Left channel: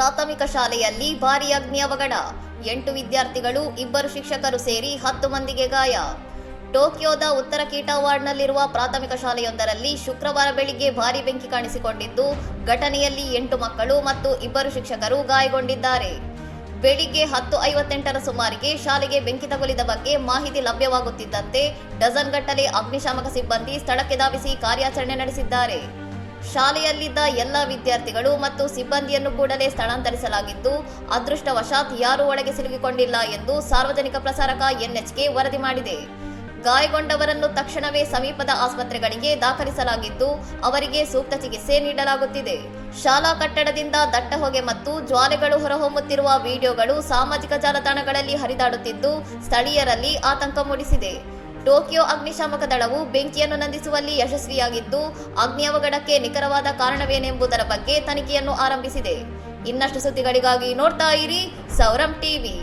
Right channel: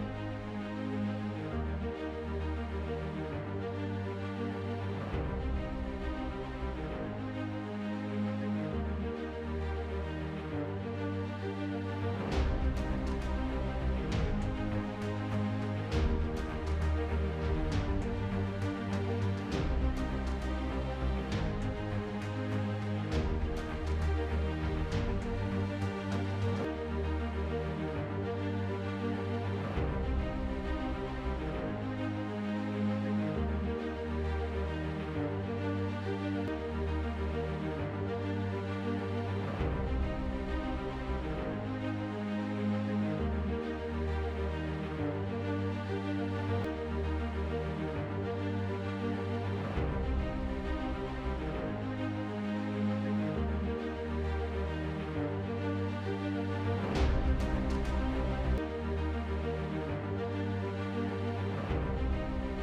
ಪ್ರಾಥಮಿಕ ಶಾಲೆಯಲ್ಲಿ ಭಾರೀ ಅಗ್ನಿ ಅವಘಡ. 8 ವಿದ್ಯಾರ್ಥಿಗಳು, 2 ಶಿಕ್ಷಕರು ಸೇರಿ 10 ಮಂದಿಗೆ ಗಾಯ. ಟೋಕಿಯೋದ ಉತ್ತರ ಕೀಟಾ ವಾರ್ಡ್ನಲ್ಲಿರುವ ಪ್ರಾಥಮಿಕ ಶಾಲೆಯೊಂದರಲ್ಲಿ ಶುಕ್ರವಾರ ಬೆಳಿಗ್ಗೆ ಭಾರೀ ಬೆಂಕಿ ಕಾಣಿಸಿಕೊಂಡಿದ್ದು, ಘಟನೆಯಲ್ಲಿ 8 ಮಕ್ಕಳು ಮತ್ತು 2 ಶಿಕ್ಷಕರು ಗಾಯಗೊಂಡಿದ್ದಾರೆ. ಬೆಳಿಗ್ಗೆ 10:58ರ ಸುಮಾರಿಗೆ ಶಾಲೆಗೆ ಬೆಂಕಿ ತಗುಲಿದ ಬಗ್ಗೆ ಮಾಹಿತಿ ಲಭ್ಯವಾಗುತ್ತಿದ್ದಂತೆ ಡಜನ್ ಗಟ್ಟಲೆ ಅಗ್ನಿಶಾಮಕ ಸಿಬ್ಬಂದಿ ಸ್ಥಳಕ್ಕೆ ಧಾವಿಸಿ ಕಾರ್ಯಾಚರಣೆ ನಡೆಸಿದ್ದಾರೆ. ಶಾಲೆಯಲ್ಲಿದ್ದ ಎಲ್ಲ ವಿದ್ಯಾರ್ಥಿಗಳು ಮತ್ತು ಸಿಬ್ಬಂದಿಯನ್ನು ಕೂಡಲೇ ಸ್ಥಳಾಂತರಿಸಲಾಗಿದ್ದು, ಅದೃಷ್ಟವಶಾತ್ ಯಾರೂ ಒಳಗೆ ಸಿಲುಕಿಕೊಂಡಿಲ್ಲ ಎಂದು ಸಾರ್ವಜನಿಕ ಪ್ರಸಾರಕ ಎನ್ಎಚ್ಕೆ ವರದಿ ಮಾಡಿದೆ. ಗಾಯಗೊಂಡವರನ್ನು ತಕ್ಷಣವೇ ಸಮೀಪದ ಆಸ್ಪತ್ರೆಗಳಿಗೆ ದಾಖಲಿಸಲಾಗಿದ್ದು, ಅವರಿಗೆ ಸೂಕ್ತ ಚಿಕಿತ್ಸೆ ನೀಡಲಾಗುತ್ತಿದೆ. ಶಾಲಾ ಕಟ್ಟಡದಿಂದ ದಟ್ಟ ಹೊಗೆ ಮತ್ತು ಜ್ವಾಲೆಗಳು ಹೊರಹೊಮ್ಮುತ್ತಿರುವ ವಿಡಿಯೋಗಳು ಸಾಮಾಜಿಕ ಜಾಲತಾಣಗಳಲ್ಲಿ ಹರಿದಾಡುತ್ತಿದ್ದು, ಸ್ಥಳೀಯರಲ್ಲಿ ಆತಂಕ ಮೂಡಿಸಿದೆ. ಟೋಕಿಯೋ ಅಗ್ನಿಶಾಮಕ ದಳವು ಬೆಂಕಿಯನ್ನು ನಂದಿಸುವಲ್ಲಿ ಯಶಸ್ವಿಯಾಗಿದ್ದು, ಅಗ್ನಿ ಅವಘಡಕ್ಕೆ ನಿಖರವಾದ ಕಾರಣವೇನೆಂಬುದರ ಬಗ್ಗೆ ತನಿಖೆಯನ್ನು ಆರಂಭಿಸಿದೆ. ಇನ್ನಷ್ಟು ಸುದ್ದಿಗಳಿಗಾಗಿ ನೋಡ್ತಾ ಇರಿ ಸೌರಂ ಟಿವಿ.